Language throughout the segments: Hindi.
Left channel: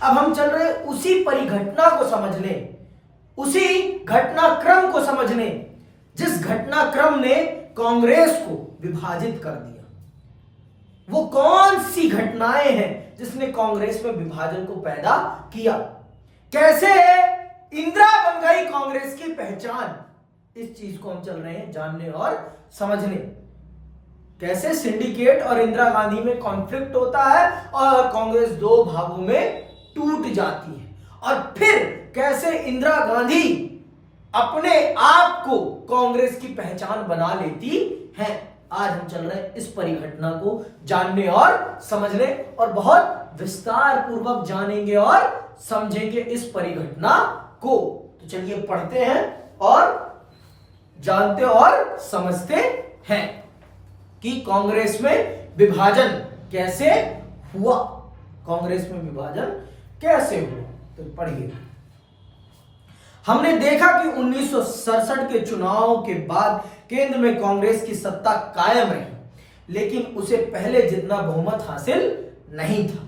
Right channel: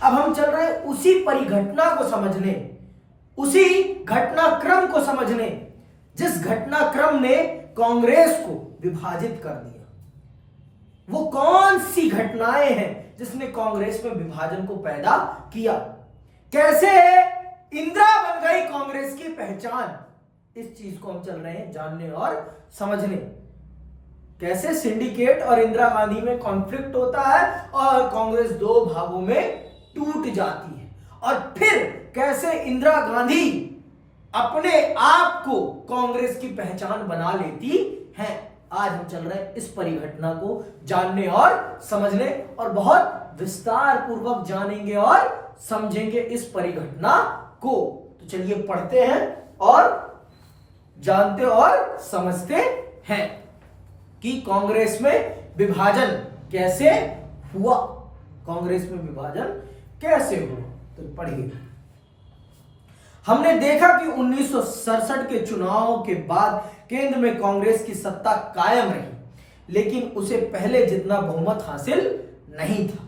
अब हम चल रहे उसी परिघटना को समझने, उसी घटनाक्रम को समझने जिस घटनाक्रम ने कांग्रेस को विभाजित कर दिया। वो कौन सी घटनाएं हैं जिसने कांग्रेस में विभाजन को पैदा किया? कैसे इंदिरा बन गई कांग्रेस की पहचान? इस चीज को हम चल रहे हैं जानने और समझने। कैसे सिंडिकेट और इंदिरा गांधी में कॉन्फ्लिक्ट होता है और कांग्रेस दो भागों में टूट जाती है, और फिर कैसे इंदिरा गांधी अपने आप को कांग्रेस की पहचान बना लेती है। आज हम चल रहे हैं इस परिघटना को जानने और समझने, और बहुत विस्तार पूर्वक जानेंगे और समझेंगे इस परिघटना को। तो चलिए पढ़ते हैं और जानते और समझते हैं कि कांग्रेस में विभाजन कैसे हुआ। कांग्रेस में विभाजन कैसे हुआ, तो पढ़िए। हमने देखा कि 1967 के चुनाव के बाद केंद्र में कांग्रेस की सत्ता कायम रही, लेकिन उसे पहले जितना बहुमत हासिल नहीं था।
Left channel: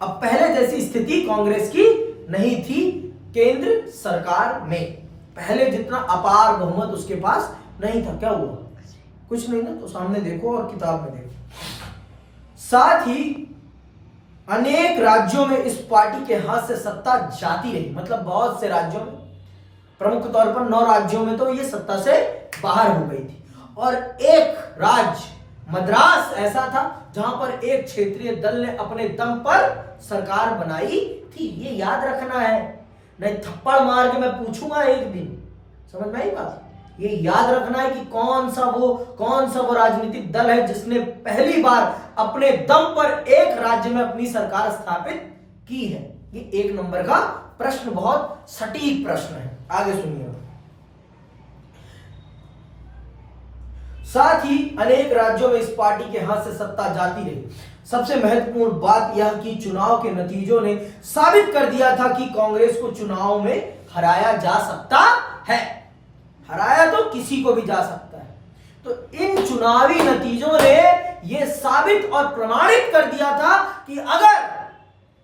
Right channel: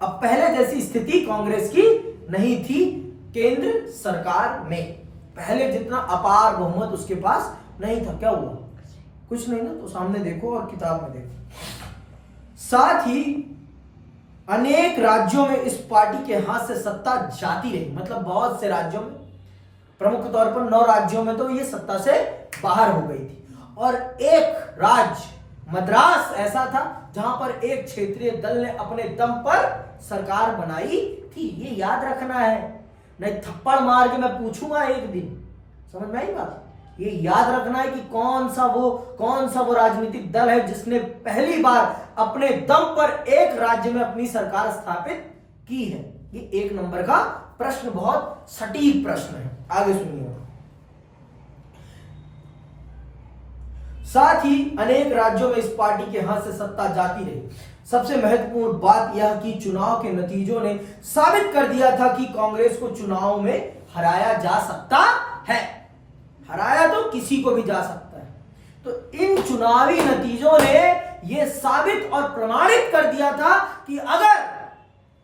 अब पहले जैसी स्थिति कांग्रेस की नहीं थी केंद्र सरकार में, पहले जितना अपार बहुमत उसके पास नहीं था। क्या हुआ? कुछ नहीं ना, तो सामने देखो और किताब में देखो। साथ ही अनेक राज्यों में इस पार्टी के हाथ से सत्ता जाती रही, मतलब बहुत से राज्यों में, प्रमुख तौर पर 9 राज्यों में तो ये सत्ता से बाहर हो गई थी, और एक राज्य मद्रास ऐसा था जहां पर एक क्षेत्रीय दल ने अपने दम पर सरकार बनाई थी। ये याद रखना है, नहीं थप्पड़ मार के मैं पूछूंगा एक दिन, समझ में आई बात? ये याद रखना है कि कौन सा वो राजनीतिक दल है जिसने पहली बार अपने दम पर एक राज्य में अपनी सरकार स्थापित की है। ये 1 नंबर का प्रश्न, बहुत सटीक प्रश्न है। आगे सुनिए। साथ ही अनेक राज्यों में इस पार्टी के हाथ से सत्ता जाती रही। सबसे महत्वपूर्ण बात यह कि चुनाव के नतीजों ने साबित कर दिया था कि कांग्रेस को चुनाव में हराया जा सकता है। हराया तो किसी को भी जा सकता है। तो इन चुनावी नतीजों ने यह साबित और प्रमाणित कर दिया था कि अगर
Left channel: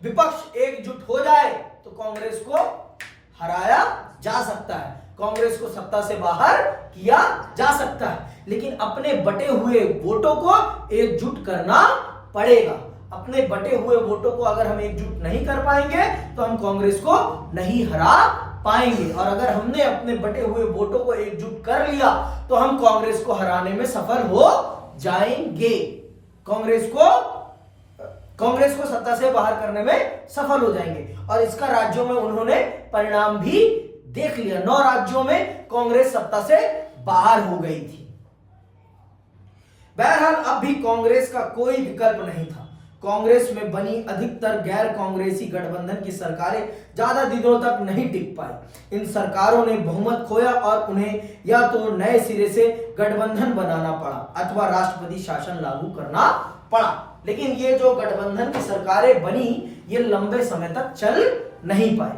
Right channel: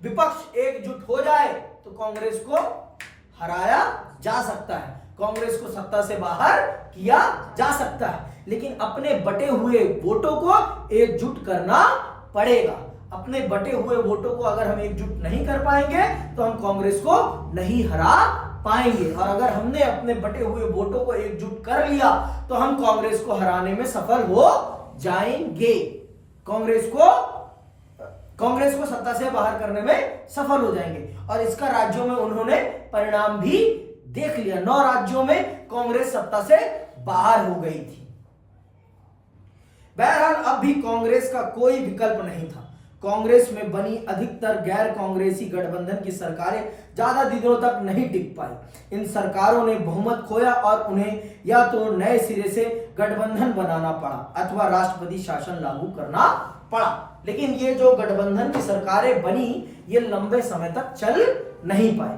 विपक्ष एकजुट हो जाए तो कांग्रेस को हराया जा सकता है, कांग्रेस को सत्ता से बाहर किया जा सकता है। लेकिन अपने बटे हुए वोटों को एकजुट करना पड़ेगा। अपने बटे हुए वोटों को अगर हम एकजुट नहीं कर पाएंगे तो हम कांग्रेस को नहीं हरा पाएंगे, और अगर हमने अपने बटे हुए वोटों को एकजुट कर लिया तो हम कांग्रेस को हराने में सफल हो जाएंगे। कांग्रेस को सत्ता से बाहर करने में सफल हो जाएंगे, और इसका राज्यों में उन्होंने परिणाम भी देख लिया। 9 राज्यों में कांग्रेस सत्ता से बाहर हो गई थी। बहरहाल अब भी कांग्रेस का कोई विकल्प नहीं था। कांग्रेस में बनी अधिकतर गैर कांग्रेसी गठबंधन की सरकारें ज्यादा दिनों तक नहीं टिक पाई। इन सरकारों ने बहुमत खोया और उन्हें या तो नए सिरे से गठबंधन बनाना पड़ा अथवा राष्ट्रपति शासन लागू करना पड़ा। लेकिन ये जो गठबंधन की सरकारें बनी ये लंबे समय तक चल नहीं पाई।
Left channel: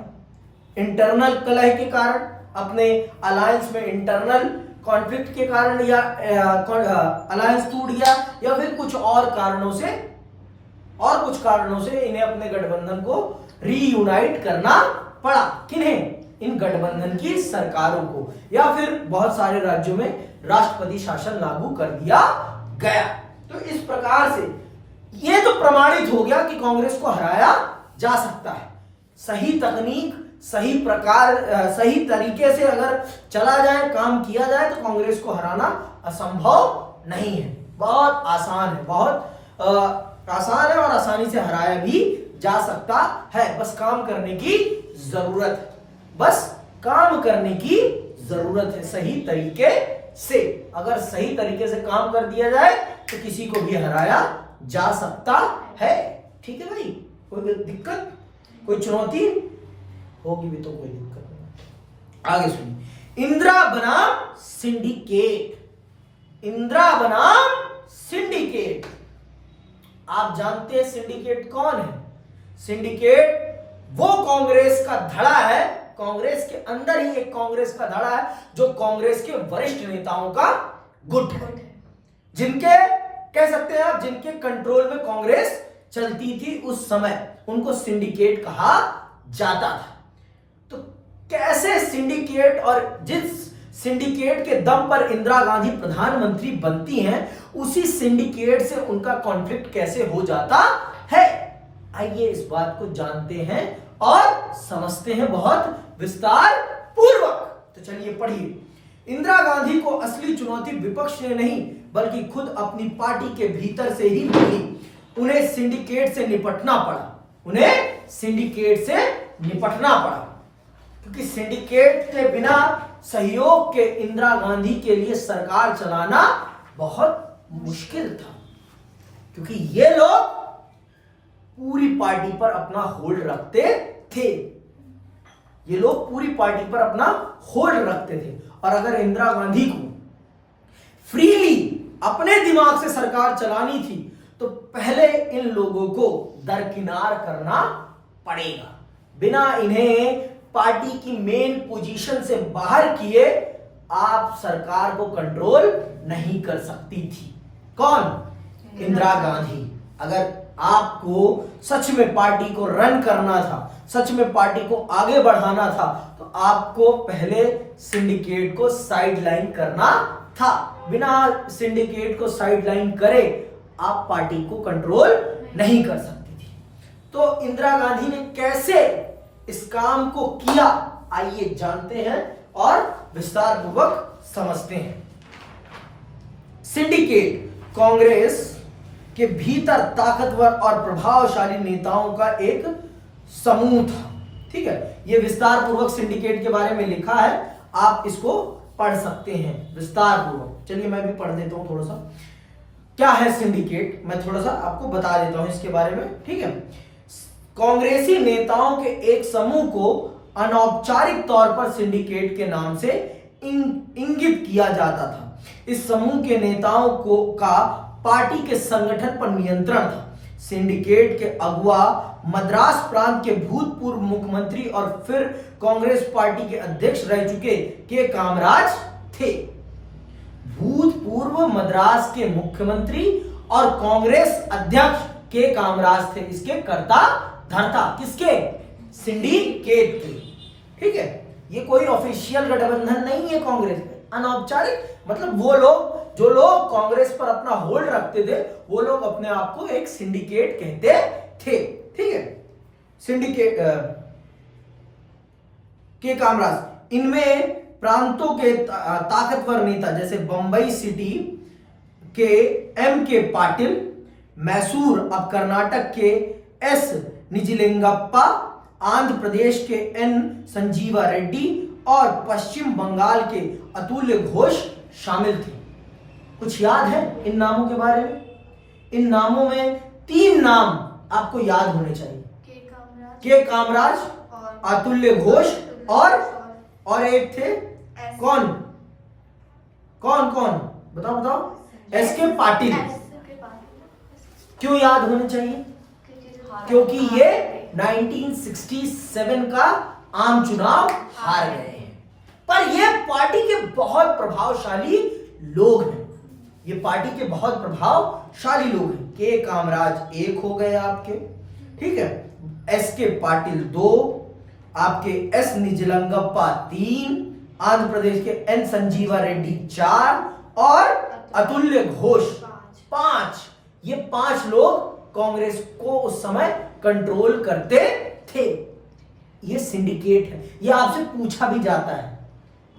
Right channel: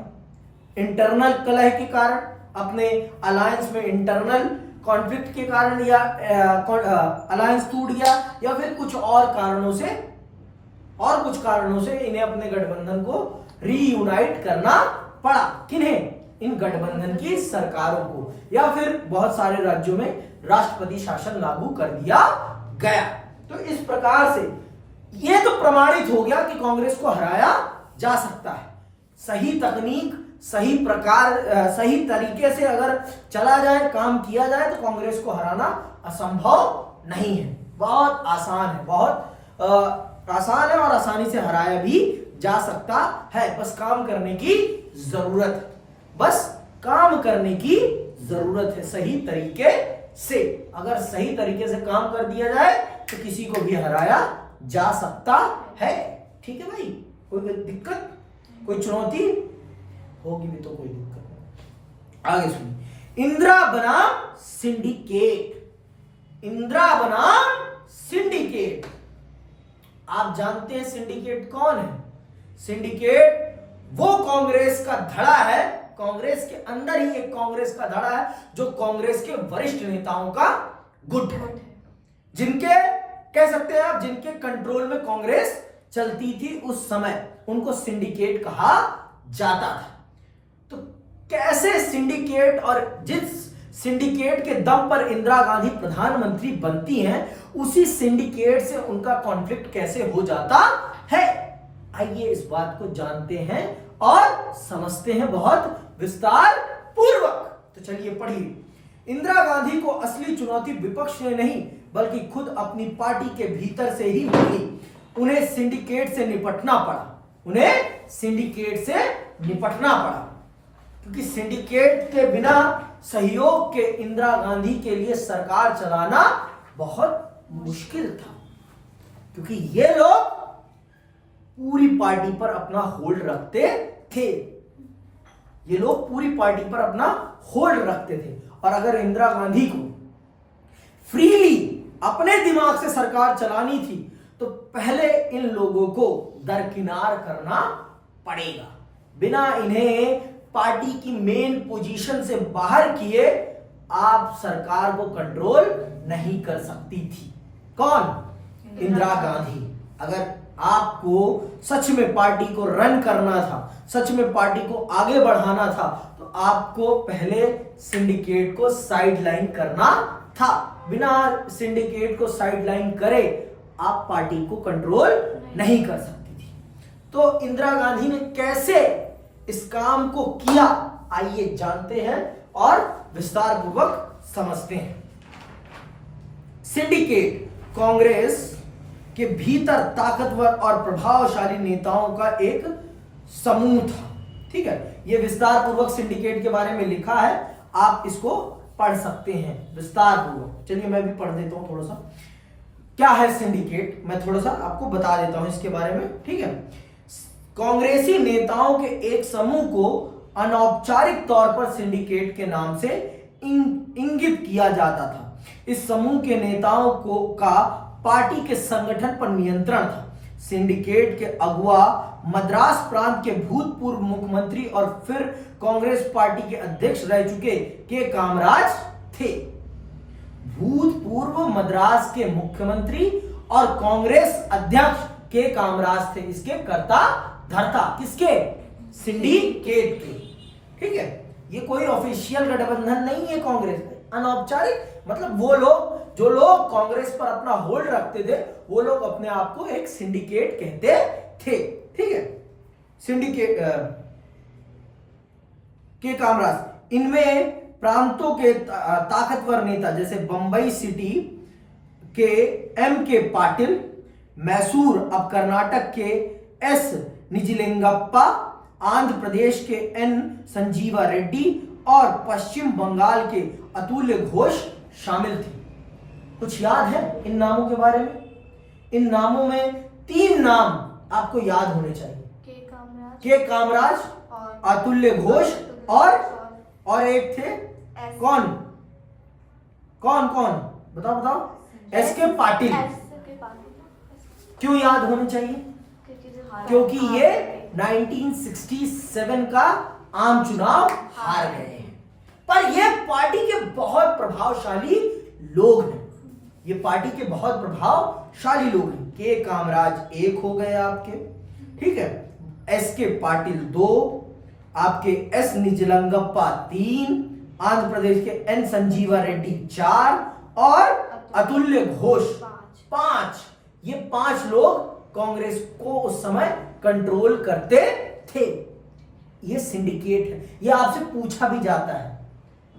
इंटरनल कलह के कारण, अपने अलायंस में इंटरनल कॉन्फ्लिक्ट के कारण, या अलायंस टूट गया, या फिर कुछ कारणों से इन्हें अपने गठबंधन को रीयूनाइट करना पड़ा। किन्हें? इन गठबंधन की सरकारों को, या फिर बहुत सारे राज्यों में राष्ट्रपति शासन लागू कर दिया गया। तो इस प्रकार से यह तो प्रमाणित हो गया कि कांग्रेस को हराया जा सकता है। सही तकनीक, सही प्रकार, सही तरीके से अगर चला जाए, काम किया जाए तो कांग्रेस को हराना असंभव नहीं है। बहुत आसान है, बहुत आसान है, और आसानी से हराया भी जा सकता है। बस काम करने की जरूरत है, बस काम करने की जरूरत है सही तरीके से। अगर सही तरीके से काम कर दिया जाए तो किसी को भी हराया जा सकता है। ठीक है भाई? कोई दिक्कत, कोई चुनौती होगी भी तो कोई दिक्कत नहीं। आगे सुनिए। इंदिरा बनाम सिंडिकेट। इंदिरा बनाम सिंडिकेट। आप जानते हैं सिंडिकेट कौन है? सिंडिकेट वो कांग्रेस का धड़ा है, कांग्रेस के अंदर ही एक कांग्रेस का धड़ा है जो कांग्रेस के वरिष्ठ नेताओं का गुट है, जिनके, कह सकते हैं आप, जिनके कंट्रोल में कांग्रेस चलती थी उस समय उनको सिंडिकेट कहा जाता था। तो कैसे सिंडिकेट, और जिस सिंडिकेट के दम पर इंदिरा गांधी प्रधानमंत्री बनती हैं, उसी सिंडिकेट से उनका कॉन्फ्लिक्ट कैसे हो जाता है, आइए इस बात को जानते हैं और समझते हैं बहुत विस्तार पूर्वक। तो चलिए पढ़िए। इंदिरा गांधी को असली चुनौती विपक्ष ने नहीं बल्कि खुद अपनी पार्टी के भीतर से ही मिली। उन्हें सिंडिकेट से निपटना पड़ा, क्योंकि सिंडिकेट के बिना सहयोग के इंदिरा गांधी के लिए सरकार चलाना बहुत मुश्किल था, क्योंकि ये लोग पूरी पार्टी पर अपना होल्ड रखते थे। और अगर इंदिरा गांधी को फ्रीली अपने दिमाग से सरकार चलानी थी तो पहले इन लोगों को दरकिनार करना पड़ेगा। बिना इन्हें पार्टी की मेन पोजीशन से बाहर किए आप सरकार को कंट्रोल नहीं कर सकती थी। कौन? इंदिरा गांधी। अगर आपको सच में पार्टी को रन करना था, सच में पार्टी को आगे बढ़ाना था, तो आपको पहले सिंडिकेट को साइडलाइन करना था। बिना सिंडिकेट को साइडलाइन करे आप पार्टी को कंट्रोल नहीं कर सकती थी। तो इंदिरा गांधी ने कैसे इस काम को किया, आइए जानते हैं और विस्तार पूर्वक समझते हैं। सिंडिकेट कांग्रेस के भीतर ताकतवर और प्रभावशाली नेताओं का एक समूह था। ठीक है, यह विस्तार पूर्वक सिंडिकेट के बारे में लिखा है, आप इसको पढ़ सकते हैं विस्तार पूर्वक। चलिए मैं भी पढ़ देता हूं थोड़ा सा। क्या है सिंडिकेट, मैं थोड़ा सा आपको बता देता हूं इसके बारे में। ठीक है, कांग्रेसी नेताओं के एक समूह को अनौपचारिक तौर पर सिंडिकेट के नाम से इंगित किया जाता था। इस समूह के नेताओं का पार्टी के संगठन पर नियंत्रण था। सिंडिकेट के अगुवा मद्रास प्रांत के भूतपूर्व मुख्यमंत्री और फिर कांग्रेस पार्टी के अध्यक्ष रह चुके के कामराज थे। भूतपूर्व मद्रास के मुख्यमंत्री और कांग्रेस अध्यक्ष के कामराज थे। इसके कर्ता धर्ता किसके? सिंडिकेट के। ठीक है, ये कोई ऑफिशियल गठबंधन नहीं है कांग्रेस में, अनौपचारिक, मतलब वो लोग जो लोग कांग्रेस पर अपना होल्ड रखते थे वो लोग अपने आप को एक सिंडिकेट कहते थे। ठीक है, सिंडिकेट के कामराज, इनमें प्रांतों के ताकतवर नेता जैसे बंबई सिटी के M.K. पाटिल, मैसूर अब कर्नाटक के S. निजलिंगप्पा, आंध्र प्रदेश के N. संजीवा रेड्डी और पश्चिम बंगाल के अतुल्य घोष शामिल थे। कुछ याद है इन नामों के बारे में? इन नामों में 3 नाम आपको याद होने चाहिए। के कामराज, अतुल्य घोष और एक थे कौन बताओ? S.K. पाटिल। क्यों याद होने चाहिए? क्योंकि ये 1967 का आम चुनाव हार गए हैं। पर ये पार्टी के बहुत प्रभावशाली लोग हैं। ये पार्टी के बहुत प्रभावशाली लोग हैं। के कामराज 1 हो गए आपके, ठीक है, S.K. पाटिल 2, आपके S. निजलिंगप्पा 3, आंध्र प्रदेश के N. संजीवा रेड्डी 4 और अतुल्य घोष 5। ये 5 लोग कांग्रेस को उस समय कंट्रोल करते थे। ये सिंडिकेट है। ये आपसे पूछा भी जाता है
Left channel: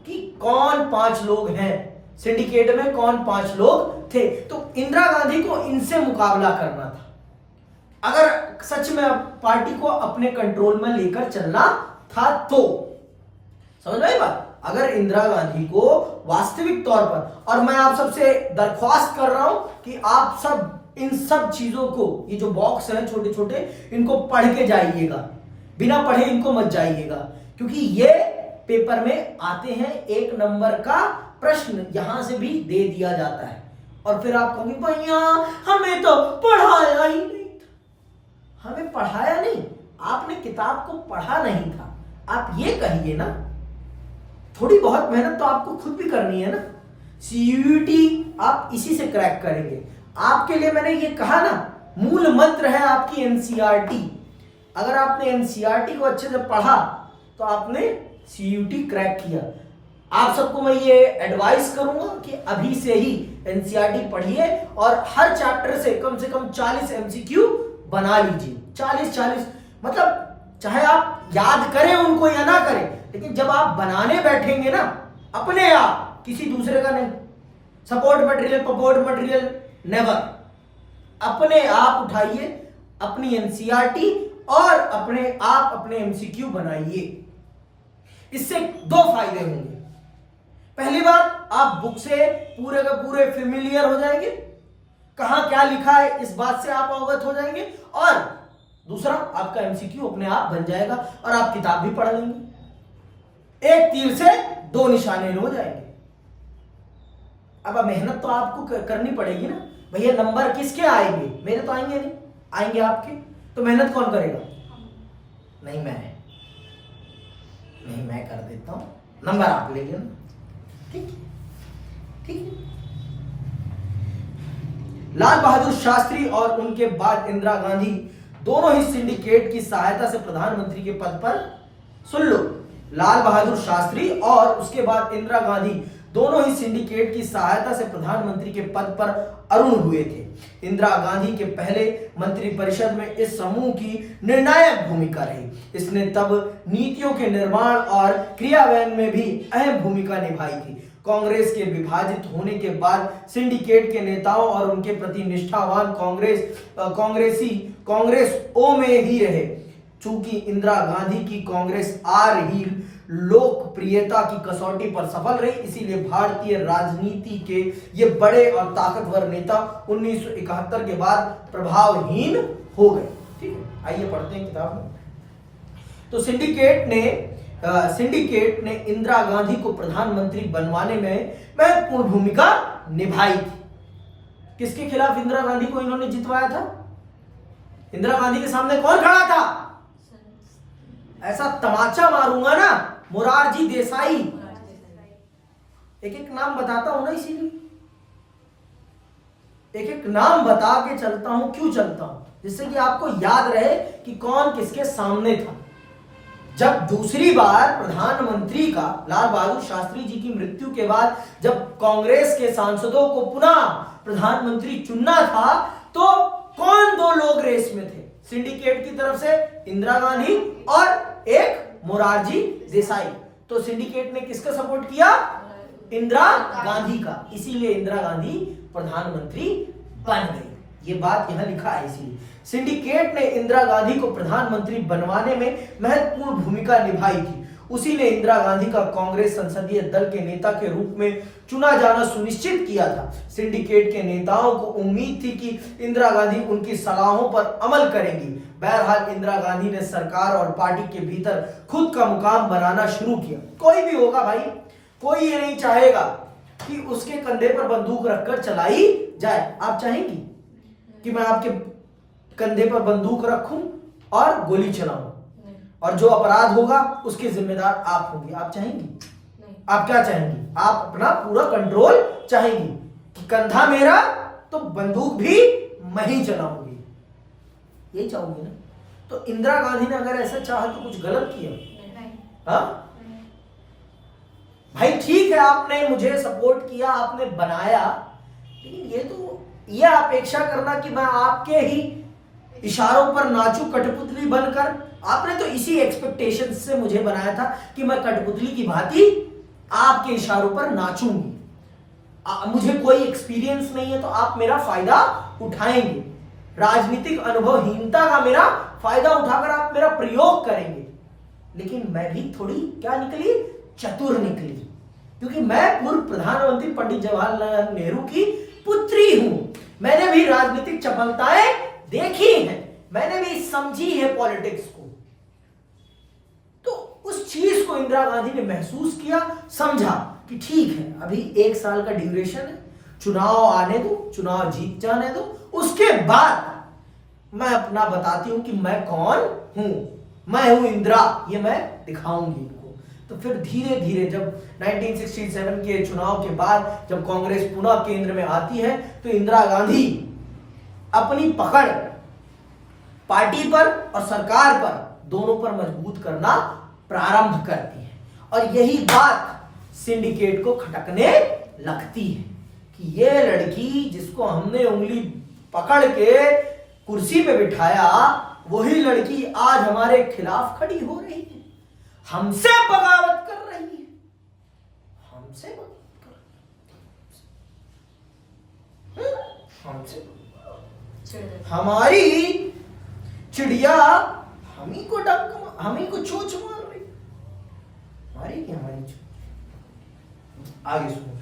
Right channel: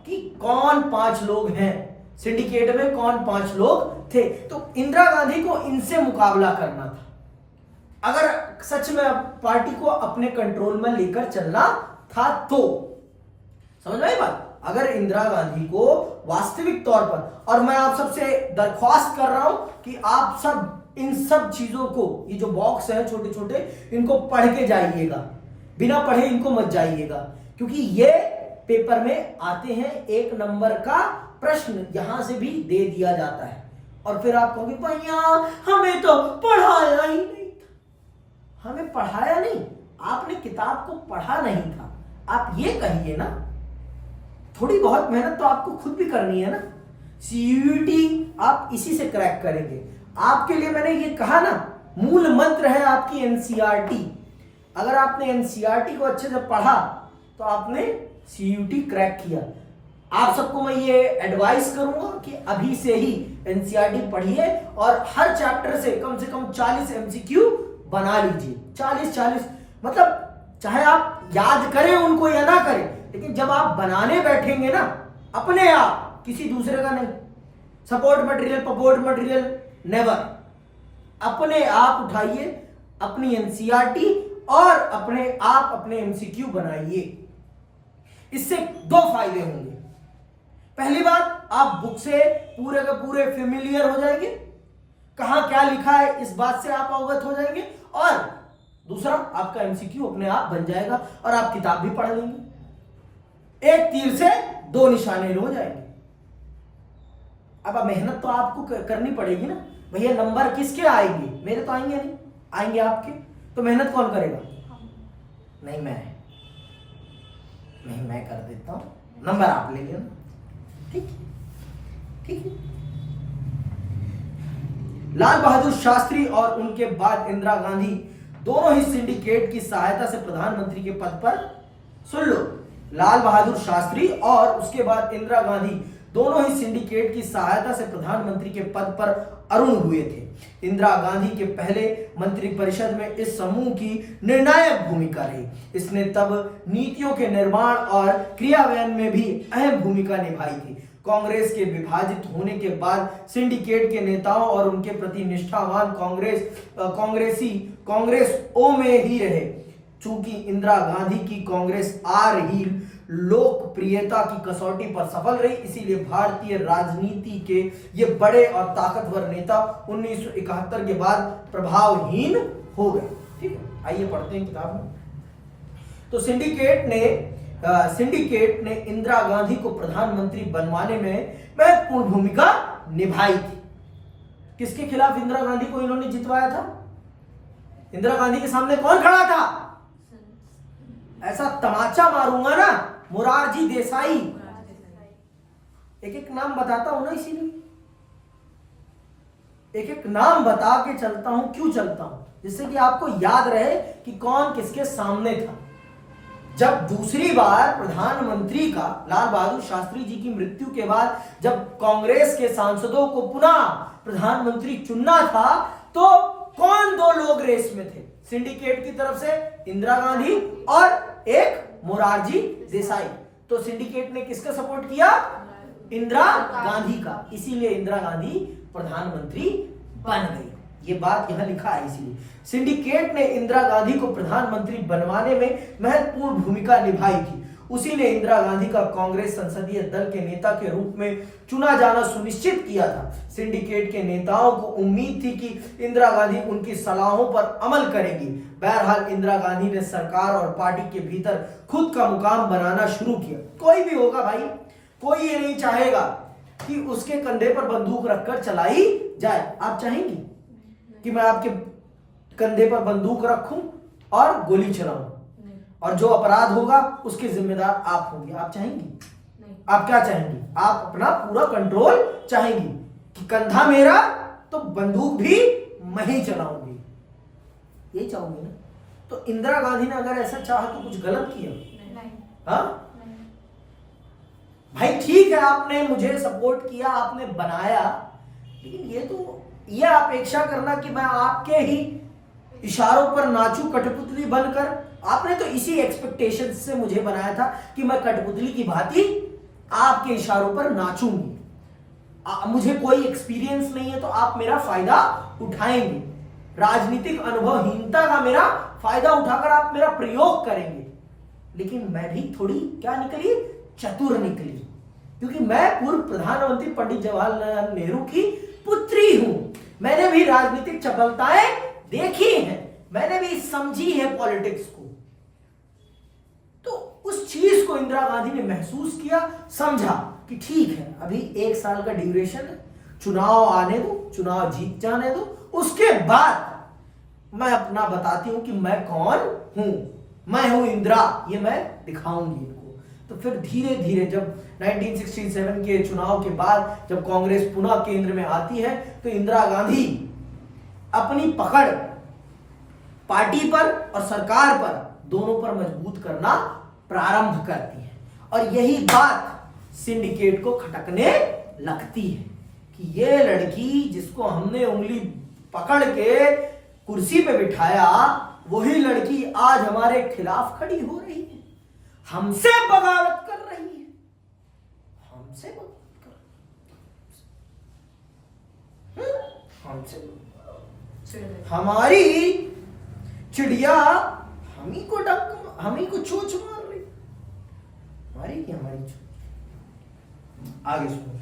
कि कौन 5 लोग हैं सिंडिकेट में, कौन 5 लोग थे। तो इंदिरा गांधी को इनसे मुकाबला करना था अगर सच में पार्टी को अपने कंट्रोल में लेकर चलना था तो। समझ में आई बात? अगर इंदिरा गांधी को वास्तविक तौर पर, और मैं आप सबसे दरख्वास्त कर रहा हूं कि आप सब इन सब चीजों को, ये जो बॉक्स हैं छोटे छोटे, इनको पढ़ के जाइएगा, बिना पढ़े इनको मत जाइएगा, क्योंकि ये पेपर में आते हैं। 1 नंबर का प्रश्न यहां से भी दे दिया जाता है और फिर आप कहोगे भैया हमें तो पढ़ाया ही नहीं था। हमें पढ़ाया नहीं, आपने किताब को पढ़ा नहीं था, आप ये कहिए ना। थोड़ी बहुत मेहनत तो आपको खुद भी करनी है ना। CUET आप इसी से क्रैक करेंगे। आपके लिए मैंने ये कहा ना मूल मंत्र है आपकी एनसीईआरटी। अगर आपने एनसीईआरटी को अच्छे से पढ़ा तो आपने सीयूटी क्रैक किया। आप सबको मैं ये एडवाइस करूंगा कि अभी से ही एनसीईआरटी पढ़िए और हर चैप्टर से कम 40 एमसीक्यू बना लीजिए। 40 मतलब चाहे आप याद करें उनको या ना करें, लेकिन जब आप बनाने बैठेंगे ना अपने आप, किसी दूसरे का नहीं, सपोर्ट मटेरियल पपोर्ट मटेरियल नेवर, अपने आप उठाइए अपनी एनसीईआरटी और अपने आप अपने एमसीक्यू बनाइए। इससे दो फायदे होंगे। पहली बात, आप बुक से पूरे का पूरे फेमिलियर हो जाएंगे, कहां क्या लिखा है इस बात से आप अवगत हो जाएंगे, और दूसरा आपका एमसीक्यू अपने आप बन जाएगा और आप किताब भी पढ़ लेंगे। एक तीर से दो निशाने हो जाएंगे। अब मेहनत तो आपको करनी पड़ेगी ना भैया। नंबर किसके आएंगे? मेरे तो आएंगे नहीं, आएंगे आपके। तो मेहनत कौन करेगा? नहीं मैं कर देता हूं, नंबर आप ले लेना। ठीक है। लाल बहादुर शास्त्री और उनके बाद इंदिरा गांधी दोनों ही सिंडिकेट की सहायता से प्रधानमंत्री के पद पर, सुन लो, लाल बहादुर शास्त्री और उसके बाद इंदिरा गांधी दोनों ही सिंडिकेट की सहायता से प्रधानमंत्री के पद पर अरुण हुए थे। इंदिरा गांधी के पहले मंत्रिपरिषद में इस समूह की निर्णायक भूमिका रही। इसने तब नीतियों के निर्माण और क्रियान्वयन में भी अहम भूमिका निभाई थी। कांग्रेस के विभाजित होने के बाद सिंडिकेट के नेताओं और उनके प्रति निष्ठावान कांग्रेस ओ में ही रहे। चूंकि इंदिरा गांधी की कांग्रेस आ रही लोकप्रियता की कसौटी पर सफल रही, इसीलिए भारतीय राजनीति के ये बड़े और ताकतवर नेता 1971 के बाद प्रभावहीन हो गए। ठीक है, आइए पढ़ते हैं किताब में। तो सिंडिकेट ने इंदिरा गांधी को प्रधानमंत्री बनवाने में महत्वपूर्ण भूमिका निभाई थी। किसके खिलाफ इंदिरा गांधी को इन्होंने जितवाया था? इंदिरा गांधी के सामने कौन खड़ा था? ऐसा तमाचा मारूंगा ना, मोरारजी देसाई। एक एक नाम बताता हूं ना, इसीलिए एक एक नाम बता के चलता हूं। क्यों चलता हूं? जिससे कि आपको याद रहे कि कौन किसके सामने था। जब दूसरी बार प्रधानमंत्री का लाल बहादुर शास्त्री जी की मृत्यु के बाद जब कांग्रेस के सांसदों को पुनः प्रधानमंत्री चुनना था, तो कौन दो लोग रेस में थे? सिंडिकेट की तरफ से इंदिरा गांधी और एक मोरारजी देसाई। तो सिंडिकेट ने किसका सपोर्ट किया? इंदिरा गांधी का। इसीलिए इंदिरा गांधी प्रधानमंत्री बन गई। ये बात यहां लिखा है। इसीलिए सिंडिकेट ने इंदिरा गांधी को प्रधानमंत्री बनवाने में महत्वपूर्ण भूमिका निभाई थी। उसी ने इंदिरा गांधी का कांग्रेस संसदीय दल के नेता के रूप में चुना जाना सुनिश्चित किया था। सिंडिकेट के नेताओं को उम्मीद थी कि इंदिरा गांधी उनकी सलाहों पर अमल करेंगी। बहरहाल इंदिरा गांधी ने सरकार और पार्टी के भीतर खुद का मुकाम बनाना शुरू किया। कोई भी होगा भाई, कोई ये नहीं चाहेगा कि उसके कंधे पर बंदूक रखकर चलाई जाए। आप चाहेंगी कि मैं आपके कंधे पर बंदूक रखूं और गोली चलाऊं, और जो अपराध होगा उसके जिम्मेदार आप होंगे? आप चाहेंगी? आप क्या चाहेंगी? आप अपना पूरा कंट्रोल चाहेंगी कि कंधा मेरा तो बंदूक भी मैं ही चलाऊंगी, यही चाहूंगी ना। तो इंदिरा गांधी ने अगर ऐसा चाहा तो कुछ गलत किया? हाँ भाई, ठीक है, आपने मुझे सपोर्ट किया, आपने बनाया, लेकिन ये अपेक्षा करना कि मैं आपके ही इशारों पर नाचूं कठपुतली बनकर। आपने तो इसी एक्सपेक्टेशन से मुझे बनाया था कि मैं कठपुतली की भांति आपके इशारों पर नाचूंगी। मुझे कोई एक्सपीरियंस नहीं है तो आप मेरा फायदा उठाएंगे। राजनीतिक अनुभवहीनता का मेरा फायदा उठाकर आप मेरा प्रयोग करेंगे। लेकिन मैं भी थोड़ी क्या निकली? चतुर निकली, क्योंकि मैं पूर्व प्रधानमंत्री पंडित जवाहरलाल नेहरू की पुत्री हूं। मैंने भी राजनीतिक चपलताएं देखी हैं, मैंने भी समझी है पॉलिटिक्स को। तो उस चीज को इंदिरा गांधी ने महसूस किया, समझा कि ठीक है, अभी 1 साल का ड्यूरेशन है, चुनाव आने दो, चुनाव जीत जाने दो, उसके बाद मैं अपना बताती हूं कि मैं कौन हूं। मैं हूं इंदिरा, ये मैं दिखाऊंगी इनको। तो फिर धीरे धीरे जब 1967 के चुनाव के बाद जब कांग्रेस पुनः केंद्र में आती है, तो इंदिरा गांधी अपनी पकड़ पार्टी पर और सरकार पर दोनों पर मजबूत करना प्रारंभ करती है। और यही बात सिंडिकेट को खटकने लगती है कि ये लड़की जिसको हमने उंगली पकड़ के कुर्सी पे बिठाया, वही लड़की आज हमारे खिलाफ खड़ी हो रही है, हमसे बगावत कर रही है, हमसे बगावत कर रही है, हमसे हमारी चिड़िया हम ही को चोंच मार रही, हमारी चोंच। आगे सुनो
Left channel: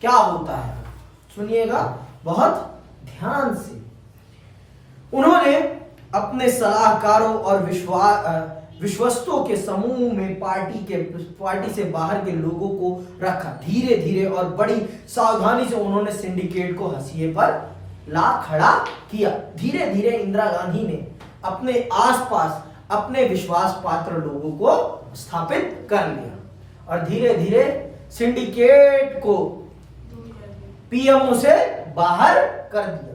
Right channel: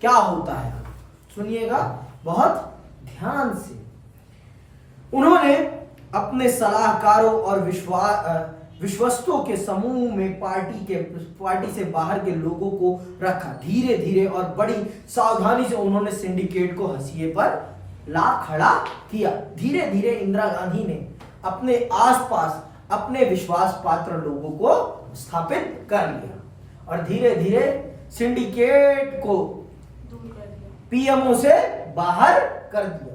क्या होता है, सुनिएगा बहुत ध्यान से। उन्होंने अपने सलाहकारों और विश्वस्तों के समूह में पार्टी से बाहर के लोगों को रखा। धीरे धीरे और बड़ी सावधानी से उन्होंने सिंडिकेट को हंसिए पर ला खड़ा किया। धीरे धीरे इंदिरा गांधी ने अपने आसपास अपने विश्वास पात्र लोगों को स्थापित कर लिया और धीरे धीरे सिंडिकेट को पीएमओ से बाहर कर दिया।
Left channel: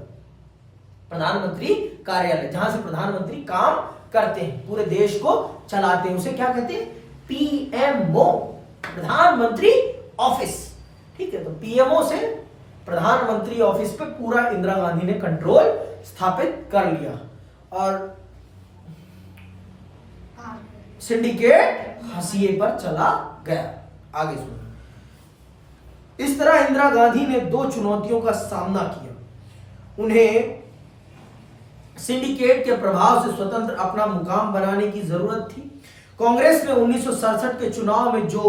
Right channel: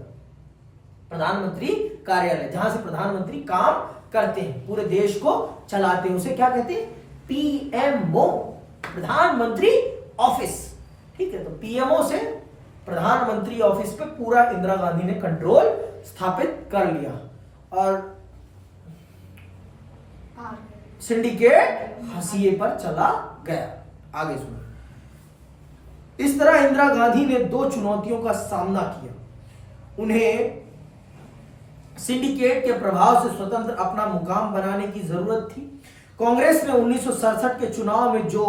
प्रधानमंत्री कार्यालय, जहां से प्रधानमंत्री काम करते हैं, पूरे देश को चलाते हैं, उसे क्या कहते हैं? पीएमओ, प्रधानमंत्री ऑफिस। ठीक है, तो पीएमओ से प्रधानमंत्री ऑफिस पे पूरा इंदिरा गांधी ने कंट्रोल स्थापित कर लिया और सिंडिकेट हंसिए पर चला गया। आगे सुनो। इस तरह इंदिरा गांधी ने दो चुनौतियों का सामना किया। उन्हें सिंडिकेट के प्रभाव से स्वतंत्र अपना मुकाम बनाने की जरूरत थी। कांग्रेस ने 1967 के चुनाव में जो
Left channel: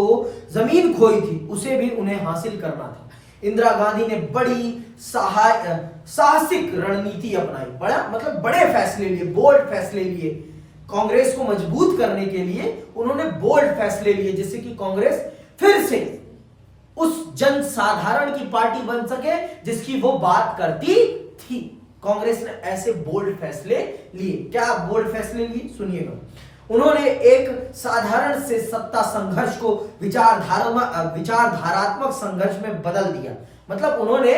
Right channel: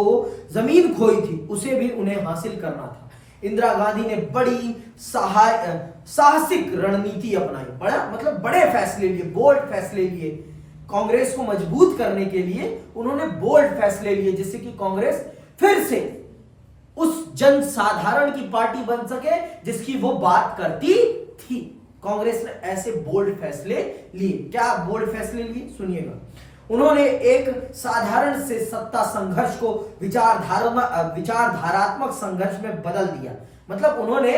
जमीन खोई थी उसे भी उन्हें हासिल करना था। इंदिरा गांधी ने बड़ी साहसिक रणनीति अपनाई, बड़े फैसले लिए, बोल्ड फैसले लिए। कांग्रेस को मजबूत करने के लिए उन्होंने बोल्ड फैसले लिए जिससे कि कांग्रेस फिर से उस जनसाधारण की पार्टी बन सके जिसकी वो बात करती थी। कांग्रेस ने ऐसे बोल्ड फैसले लिए। क्या बोल्ड फैसले लिए? सुनिएगा। उन्होंने एक साधारण से सत्ता संघर्ष को विचारधारात्मक संघर्ष में बदल दिया। मतलब उन्होंने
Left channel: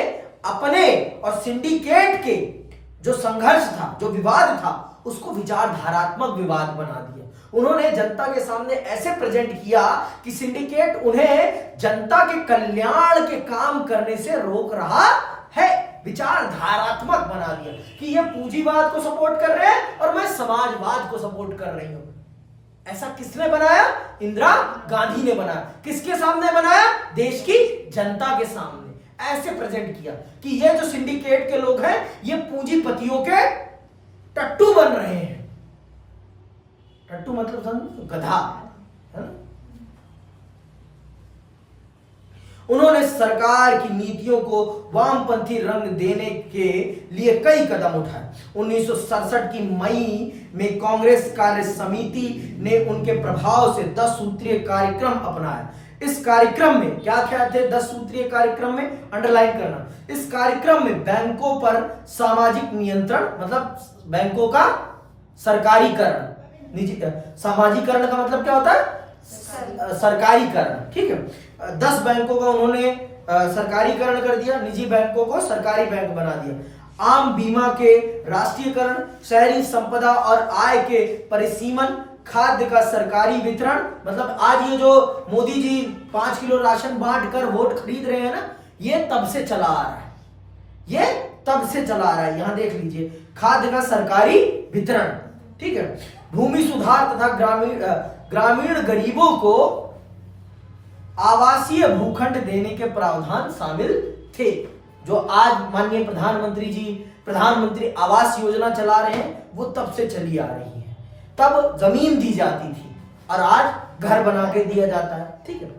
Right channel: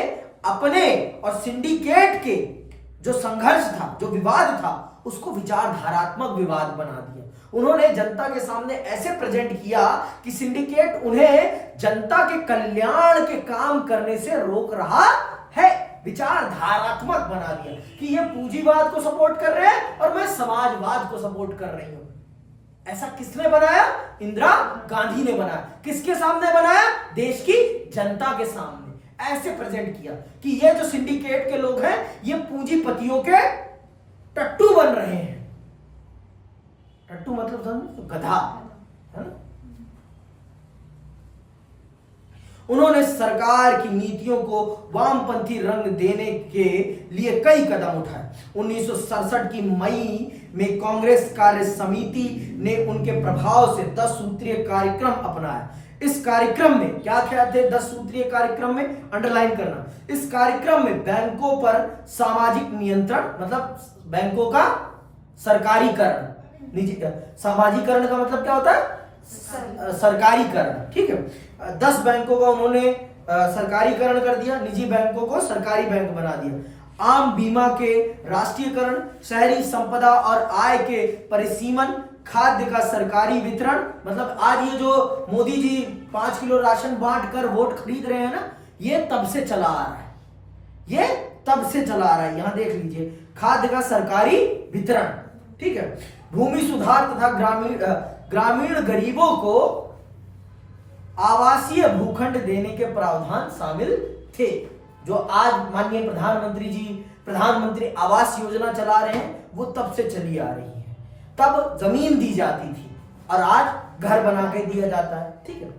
अपने और सिंडिकेट के जो संघर्ष था, जो विवाद था, उसको विचारधारात्मक विवाद बना दिया। उन्होंने जनता के सामने ऐसे प्रेजेंट किया कि सिंडिकेट उन्हें जनता के कल्याण के काम करने से रोक रहा है। विचारधारात्मक बना दिया कि ये पूंजीवाद को सपोर्ट कर रहे हैं और मैं समाजवाद को सपोर्ट कर रही हूं। ऐसा किसने बनाया? इंदिरा गांधी ने बनाया। किसके सामने बनाया? देश की जनता के सामने ऐसे प्रेजेंट किया कि ये जो सिंडिकेट के लोग हैं ये पूंजीपतियों के टट्टू बन रहे हैं। टट्टू मतलब समझो, गधा है ना। उन्होंने सरकार की नीतियों को वामपंथी रंग देने के लिए कई कदम उठाए। 1967 की मई में कांग्रेस कार्य समिति ने उनके प्रभाव से 10 सूत्रीय कार्यक्रम अपनाया। इस कार्यक्रम में क्या क्या थे? 10 सूत्रीय कार्यक्रम में अंडरलाइन करना। इस कार्यक्रम में बैंकों पर सामाजिक नियंत्रण, मतलब बैंकों का सरकारीकरण, निजी सामाजिकरण का मतलब क्या होता है? सरकारीकरण। ठीक है, 10 बैंकों का उन्होंने सरकारीकरण कर दिया, निजी बैंकों को सरकारी बैंक बना दिया। आम बीमा के राष्ट्रीयकरण, शहरी संपदा और आय के परिसीमन, खाद्य का सरकारी वितरण। मतलब आज ये जो मोदी जी 5 किलो राशन बांट कर वोट खरीद रहे हैं ना, ये तब से चला आ रहा है, ये तब से चला आ रहा है। यहां देख लीजिए, खाद्य का सरकारी वितरण। ठीक है, भूमि सुधार तथा ग्रामीण गरीबों को आवासीय भूखंड देने के प्रावधान शामिल थे। जो आज माननीय प्रधानमंत्री जी प्रधानमंत्री आवास योजना चला रहे हैं, वो तब से चली आ रही है। तब जमीन दी जाती थी और आज घर बना के दिया जाता है। ठीक है,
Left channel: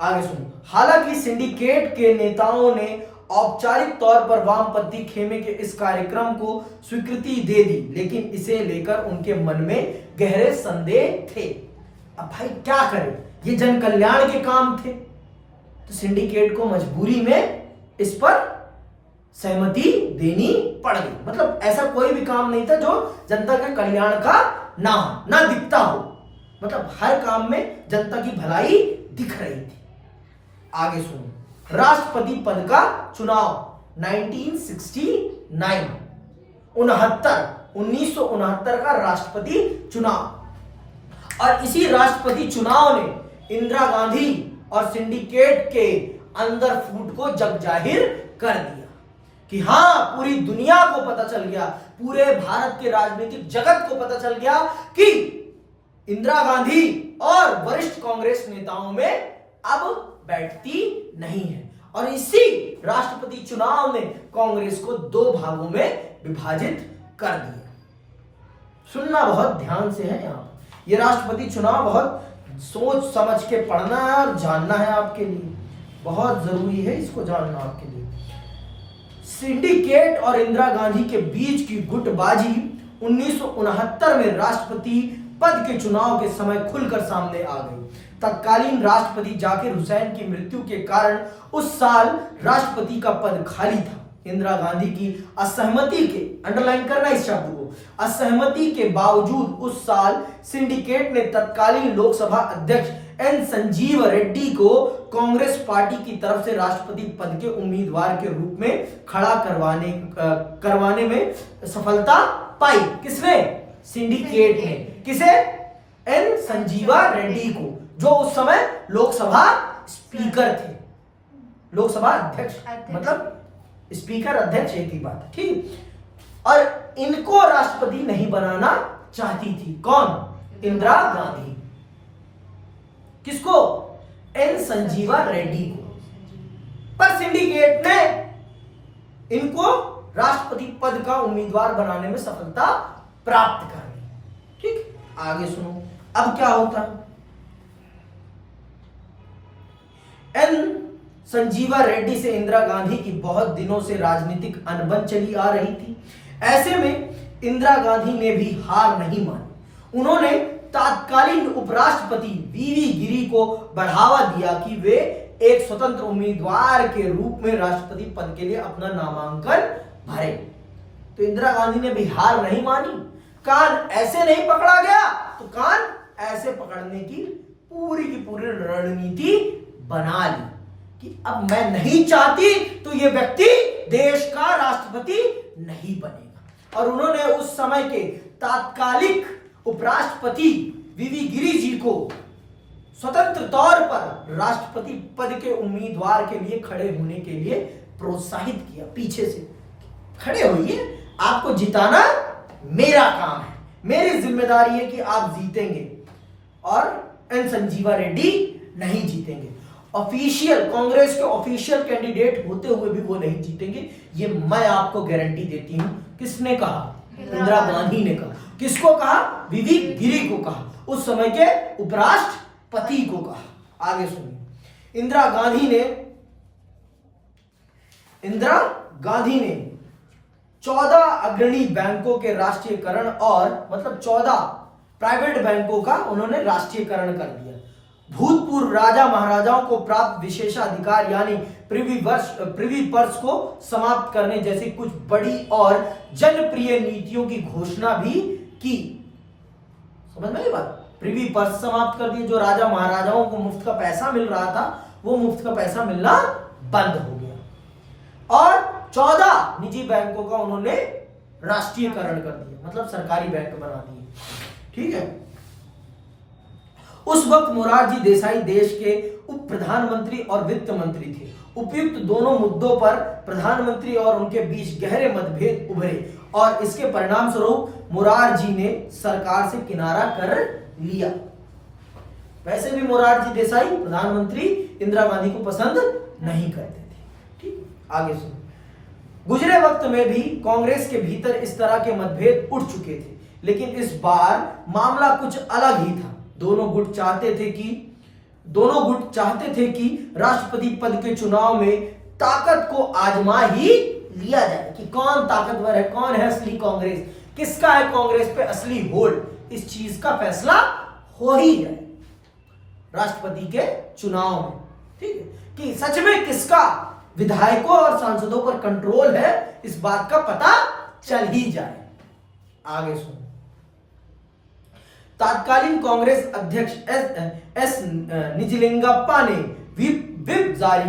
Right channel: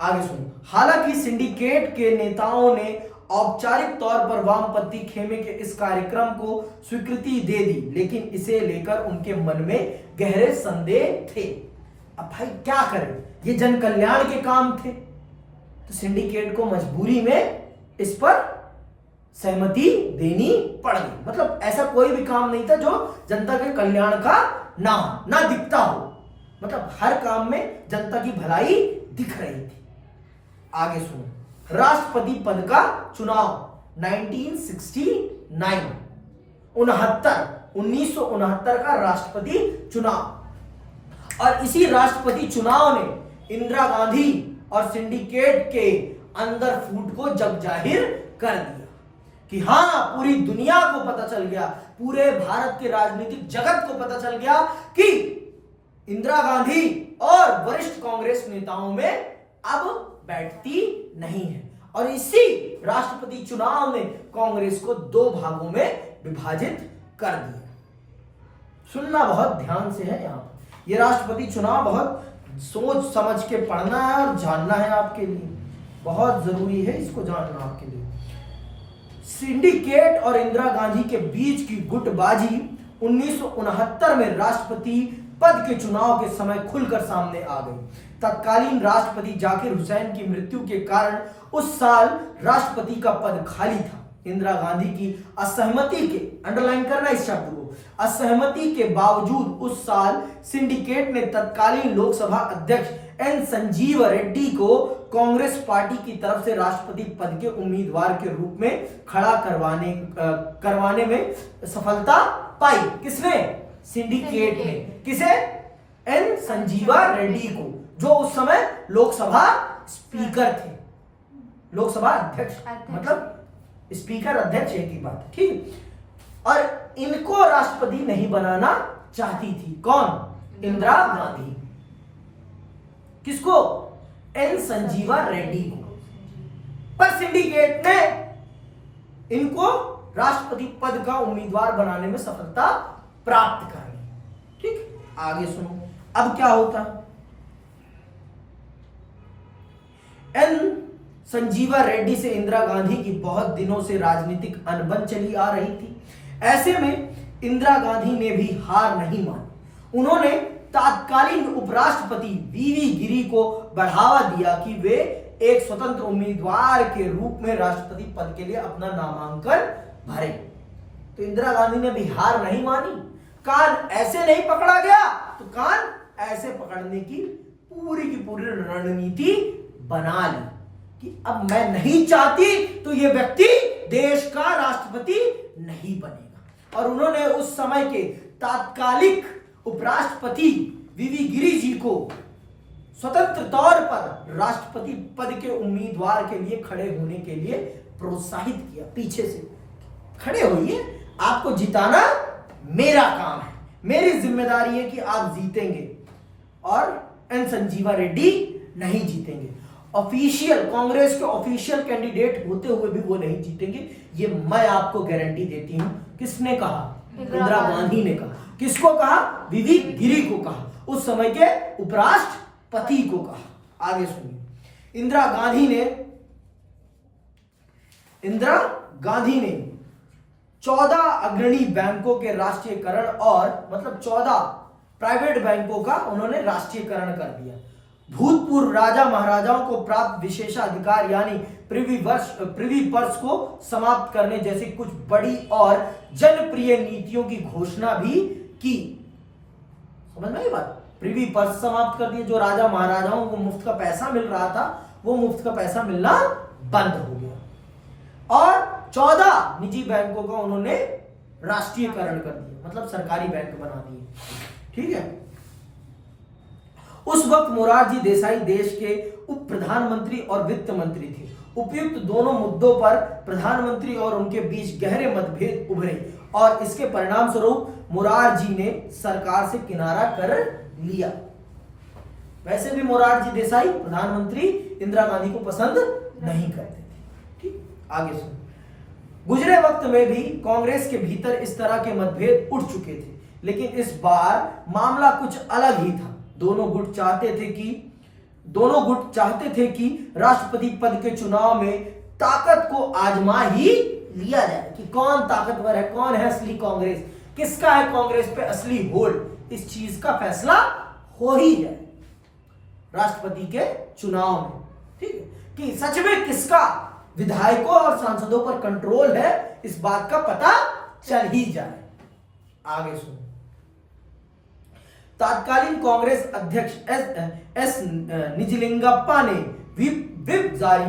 आगे सुनो। हालांकि सिंडिकेट के नेताओं ने औपचारिक तौर पर वामपंथी खेमे के इस कार्यक्रम को स्वीकृति दे दी, लेकिन इसे लेकर उनके मन में गहरे संदेह थे। अब भाई क्या करें, ये जन कल्याण के काम थे, तो सिंडिकेट को मजबूरी में इस पर सहमति देनी पड़ गई। मतलब ऐसा कोई भी काम नहीं था जो जनता के कल्याण का ना दिखता हो। मतलब हर काम में जनता की भलाई दिख रही थी। आगे सुनो। राष्ट्रपति पद का चुनाव 1969। 1969 का राष्ट्रपति चुनाव। और इसी राष्ट्रपति चुनाव ने इंदिरा गांधी और सिंडिकेट के अंदर फूट को जग जाहिर कर दिया कि हां, पूरी दुनिया को पता चल गया, पूरे भारत के राजनीतिक जगत को पता चल गया कि इंदिरा गांधी और वरिष्ठ कांग्रेस नेताओं में अब बैठती नहीं है। और इसी राष्ट्रपति चुनाव ने कांग्रेस को दो भागों में विभाजित कर दिया। सुनना बहुत ध्यान से है। यहां पर यह राष्ट्रपति चुनाव बहुत सोच समझ के पढ़ना है और जानना है, आपके लिए बहुत जरूरी है इसको जानना आपके लिए। सिंडिकेट और इंदिरा गांधी के बीच की गुटबाजी 1969 में राष्ट्रपति पद के चुनाव के समय खुलकर सामने आ गई। तत्कालीन राष्ट्रपति जाकिर हुसैन की मृत्यु के कारण उस साल राष्ट्रपति का पद खाली था। इंदिरा गांधी की असहमति के, अंडरलाइन करना इस शब्द को, असहमति के बावजूद उस साल सिंडिकेट ने तत्कालीन लोकसभा अध्यक्ष एन संजीव रेड्डी को कांग्रेस पार्टी की तरफ से राष्ट्रपति पद के उम्मीदवार के रूप में खड़ा करवाने में सफलता पाई। किसने? सिंडिकेट ने। किसे? एन संजीवा रेड्डी को, जो उस समय लोकसभा स्पीकर थे, लोकसभा अध्यक्ष, मतलब स्पीकर अध्यक्ष एक ही बात, ठीक। और इनको राष्ट्रपति नहीं बनाना चाहती थी कौन? इंदिरा गांधी। किसको? एन संजीवा रेड्डी को। पर सिंडिकेट ने इनको राष्ट्रपति पद का उम्मीदवार बनाने में सफलता प्राप्त कर ली। ठीक, आगे सुनो अब क्या होता है। एन संजीवा रेड्डी से इंदिरा गांधी की बहुत दिनों से राजनीतिक अनबन चली आ रही थी। ऐसे में इंदिरा गांधी ने भी हार नहीं मानी। उन्होंने तत्कालीन उपराष्ट्रपति वीवी गिरी को बढ़ावा दिया कि वे एक स्वतंत्र उम्मीदवार के रूप में राष्ट्रपति पद के लिए अपना नामांकन भरे। तो इंदिरा गांधी ने भी हार नहीं मानी। कान ऐसे नहीं पकड़ा गया तो कान ऐसे पकड़ने की पूरी रणनीति बना ली कि अब मैं नहीं चाहती तो यह व्यक्ति देश का राष्ट्रपति नहीं बनेगा। और उन्होंने उस समय के तात्कालिक उपराष्ट्रपति वीवी गिरी जी को स्वतंत्र तौर पर राष्ट्रपति पद के उम्मीदवार के लिए खड़े होने के लिए प्रोत्साहित किया। पीछे से खड़े होइए, आपको जिताना मेरा काम है, मेरी जिम्मेदारी है कि आप जीतेंगे। और एन संजीवा रेड्डी नहीं जीतेंगे। ऑफिशियल कांग्रेस के ऑफिशियल कैंडिडेट होते हुए भी वो नहीं जीतेंगे, ये मैं आपको गारंटी देती हूं। किसने कहा? इंदिरा गांधी ने कहा। किसको कहा? वीवी गिरी को कहा, उस समय के उपराष्ट्रपति को कहा। आगे सुनिए। इंदिरा गांधी ने 14 अग्रणी बैंकों के राष्ट्रीयकरण और मतलब 14 प्राइवेट बैंकों का उन्होंने राष्ट्रीयकरण कर दिया। भूतपूर्व राजा महाराजाओं को प्राप्त विशेषाधिकार यानी प्रिवी पर्स को समाप्त करने जैसी कुछ बड़ी और जनप्रिय नीतियों की घोषणा भी की। समझ में आई बात? प्रिवी पर्स समाप्त कर दिए। जो राजा महाराजाओं को मुफ्त का पैसा मिल रहा था वो मुफ्त का पैसा मिलना बंद हो गया। और 14 निजी बैंकों का उन्होंने राष्ट्रीयकरण कर दिया, मतलब सरकारी बैंक बना दिए। ठीक है। उस वक्त मोरारजी देसाई देश के उप प्रधानमंत्री और वित्त मंत्री थे। उपयुक्त दोनों मुद्दों पर प्रधानमंत्री और उनके बीच गहरे मतभेद उभरे और इसके परिणाम स्वरूप मोरारजी ने सरकार से किनारा कर लिया। वैसे भी मोरारजी देसाई प्रधानमंत्री इंदिरा गांधी को पसंद नहीं करते थे। ठीक, आगे सुनो। गुजरे वक्त में भी कांग्रेस के भीतर इस तरह के मतभेद उठ चुके थे, लेकिन इस बार मामला कुछ अलग ही था। दोनों गुट चाहते थे कि राष्ट्रपति पद के चुनाव में ताकत को आजमा ही लिया जाए कि कौन ताकतवर है, कौन है असली कांग्रेस, किसका है कांग्रेस पे असली होल्ड। इस चीज का फैसला हो ही जाए राष्ट्रपति के चुनाव में। ठीक है, कि सच में किसका विधायकों और सांसदों पर कंट्रोल है, इस बात का पता चल ही जाए। आगे सुनो। तत्कालीन कांग्रेस अध्यक्ष एस निजलिंगप्पा ने व्हिप जारी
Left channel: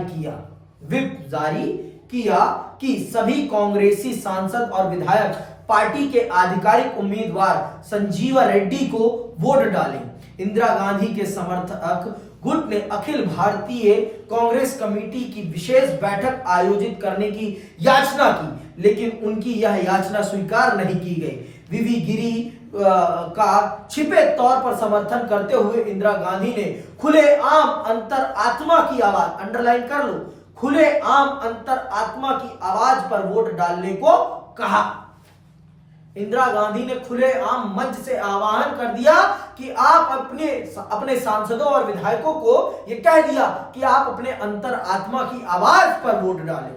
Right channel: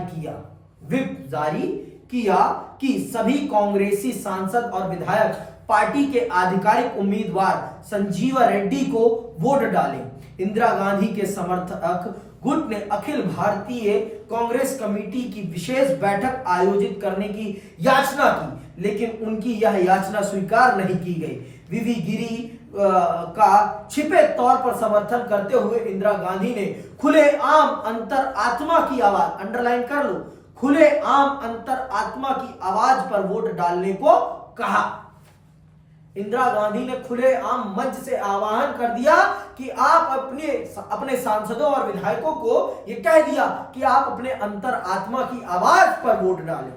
किया कि सभी कांग्रेसी सांसद और विधायक पार्टी के आधिकारिक उम्मीदवार संजीवा रेड्डी को वोट डालें। इंदिरा गांधी के समर्थक गुट ने अखिल भारतीय कांग्रेस कमेटी की विशेष बैठक आयोजित करने की याचना की, लेकिन उनकी यह याचना स्वीकार नहीं की गई। वीवी गिरी का छिपे तौर पर समर्थन करते हुए इंदिरा गांधी ने खुलेआम अंतरात्मा की आवाज, अंडरलाइन कर लो, खुलेआम अंतरात्मा की आवाज पर वोट डालने को कहा। इंदिरा गांधी ने खुलेआम मंच से आह्वान कर दिया कि आप अपने सांसदों और विधायकों को यह कह दिया कि आप अपने अंतरात्मा की आवाज पर वोट डालें।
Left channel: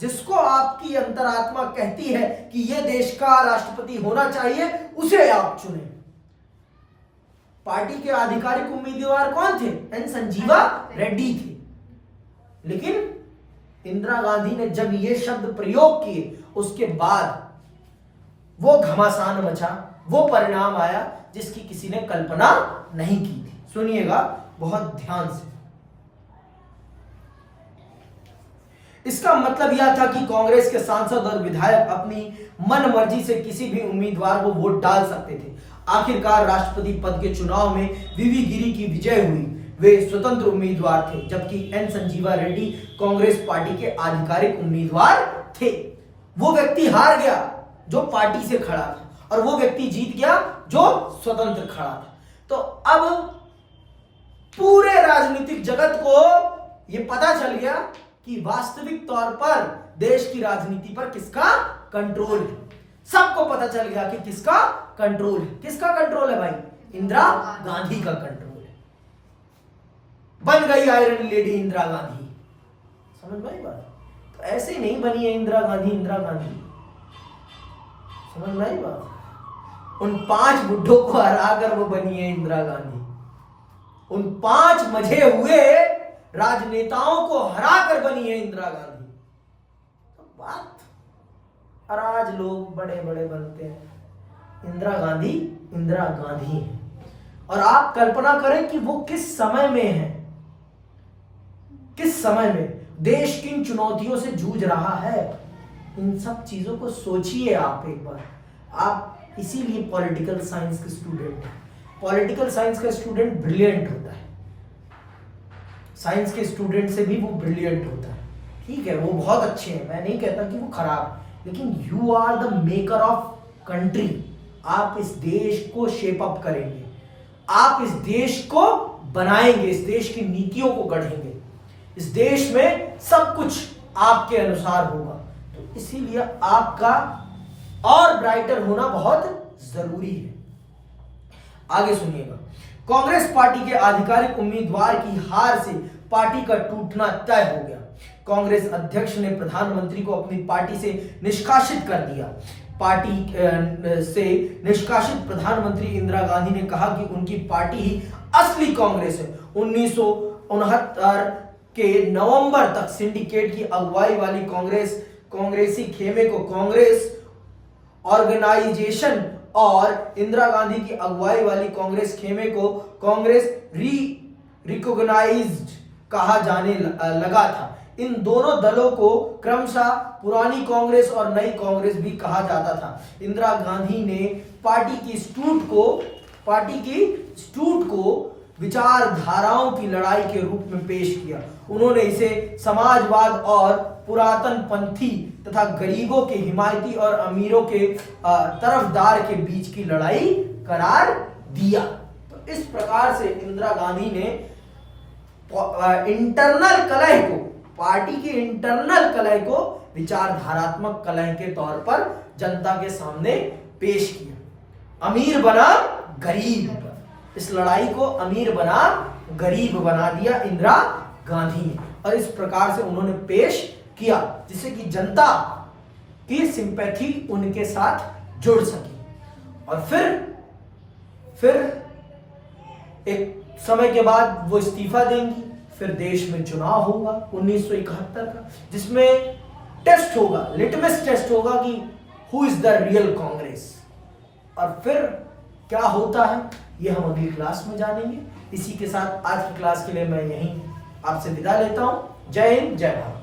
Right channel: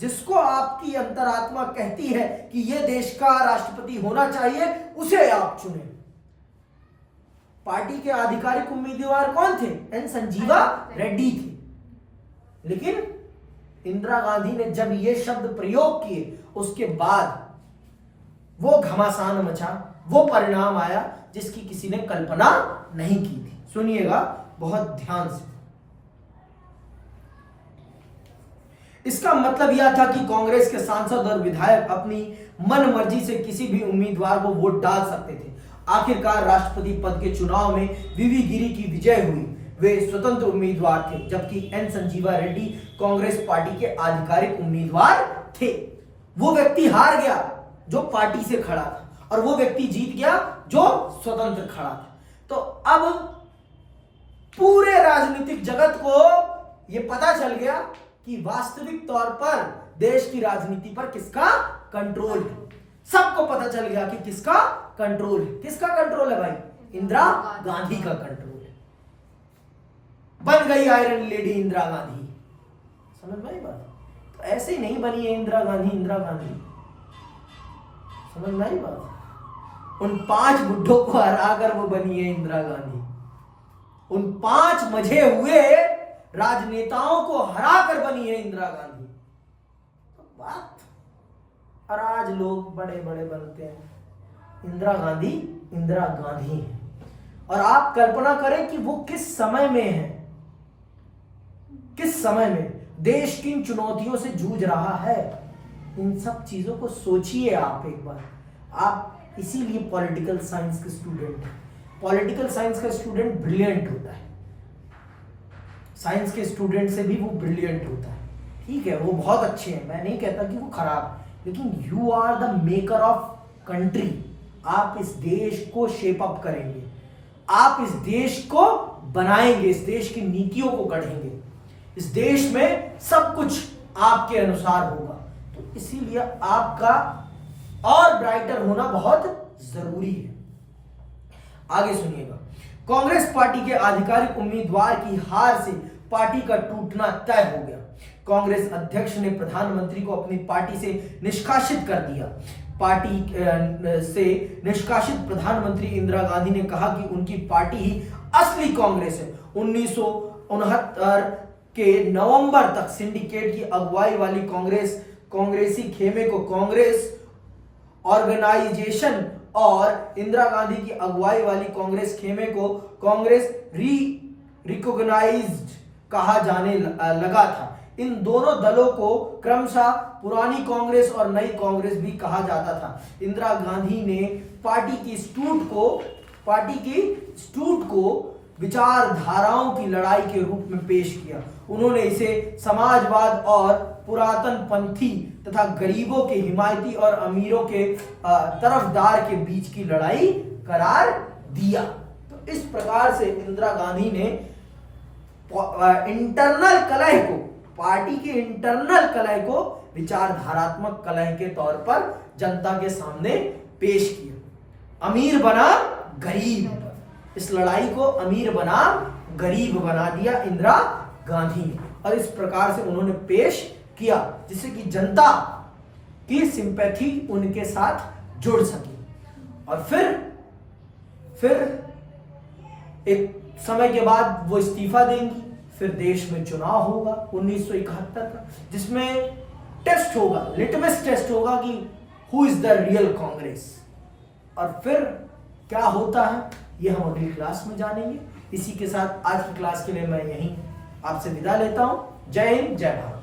जिसको आपकी अंतरात्मा कहती है कि यह देश का राष्ट्रपति होना चाहिए, उसे आप चुने। पार्टी के आधिकारिक उम्मीदवार कौन थे? एन संजीवा रेड्डी थे। लेकिन इंदिरा गांधी ने जब ये शब्द प्रयोग किए, उसके बाद वो घमासान मचा, वो परिणाम आया जिसकी किसी ने कल्पना नहीं की थी। सुनिएगा बहुत ध्यान से। इसका मतलब यह था कि कांग्रेस के सांसद और विधायक अपनी मन मर्जी से किसी भी उम्मीदवार को वोट डाल सकते थे। आखिरकार राष्ट्रपति पद के चुनाव में वीवी गिरी की विजय हुई। वे स्वतंत्र उम्मीदवार थे, जबकि एन संजीवा रेड्डी कांग्रेस पार्टी के आधिकारिक उम्मीदवार थे। वो व्यक्ति हार गया जो पार्टी से खड़ा था, और वो व्यक्ति जीत गया जो स्वतंत्र खड़ा था। तो अब पूरे राजनीतिक जगत को यह पता चल गया कि वास्तविक तौर पर देश की राजनीति पर किसका कंट्रोल है। सबको पता चल गया कि किसका कंट्रोल है। किसका कंट्रोल है भाई? इंदिरा गांधी का कंट्रोल है। बन गई आयरन लेडी इंदिरा गांधी। समझ में आई बात? तो ऐसे ही नहीं बनी है इंदिरा गांधी। इंदिरा गांधी समझ में आई बात? उन 5 बुड्ढों को हराकर वो बनी है इंदिरा गांधी। उन 5 मजे हुए राजनेताओं को हराकर बनी है इंदिरा गांधी। तो बात, और आज लोग बड़े बड़े बनते हैं। इंदिरा गांधी इंदिरा गांधी है। और आप कल्पना करें कि वो किस समय में है, किस समय में देश किन चुनौतियों से जूझ रहा है। इन सब चीजों को सोचिए आप एक बार। आप इसीलिए पॉलिटिकल साइंस के स्टूडेंट हैं। पॉलिटिकल साइंस का स्टूडेंट ब्रिलियंट होता है। साइंस के स्टूडेंट से भी वो ब्रिलियंट होता है। ठीक है, वो बहुत अच्छे हैं, मैं नहीं कहता कि वो खराब है, लेकिन you are the maker of country. आप इस देश को शेप अप करेंगे, आप इस देश को बनाएंगे, इस देश की नीतियों को गढ़ेंगे। इस देश में सब कुछ आपके अनुसार होगा। तो इसीलिए आपका और ब्राइटर होना बहुत जरूरी है। आगे सुनिएगा। कांग्रेस पार्टी के आधिकारिक उम्मीदवार की हार से पार्टी का टूटना तय हो गया। कांग्रेस अध्यक्ष ने प्रधानमंत्री को अपनी पार्टी से निष्कासित कर दिया। पार्टी से निष्कासित प्रधानमंत्री इंदिरा गांधी ने कहा कि उनकी पार्टी ही असली कांग्रेस है। 1969 के नवंबर तक सिंडिकेट की अगुवाई वाली कांग्रेसी खेमे को कांग्रेस ऑर्गेनाइजेशन और इंदिरा गांधी की अगुवाई वाली कांग्रेस खेमे को कांग्रेस रिकॉग्नाइज्ड कहा जाने लगा था। इन दोनों दलों को क्रमशः पुरानी कांग्रेस और नई कांग्रेस भी कहा जाता था। इंदिरा गांधी ने पार्टी की स्टूट को विचारधाराओं की लड़ाई के रूप में पेश किया। उन्होंने इसे समाजवाद और पुरातनपंथी तथा गरीबों के हिमायती और अमीरों के तरफदार के बीच की लड़ाई करार दिया। तो इस प्रकार से इंदिरा गांधी ने इंटरनल कलह को, पार्टी के इंटरनल कलह को विचारधारात्मक कलह के तौर पर जनता के सामने पेश किया। अमीर बना गरीब, इस लड़ाई को अमीर बना गरीब बना दिया इंदिरा गांधी ने, और इस प्रकार से उन्होंने पेश किया जिससे कि जनता की सिंपैथी उनके साथ जुड़ सके। और फिर एक समय के बाद वो इस्तीफा देंगी। फिर देश में चुनाव होगा 1971 का, जिसमें टेस्ट होगा, लिटमस टेस्ट होगा कि who is the real Congress. और फिर क्या होता है ये हम अगली क्लास में जानेंगे। इसी के साथ आज की क्लास के लिए मैं यहीं आपसे विदा लेता हूं। जय हिंद, जय भारत।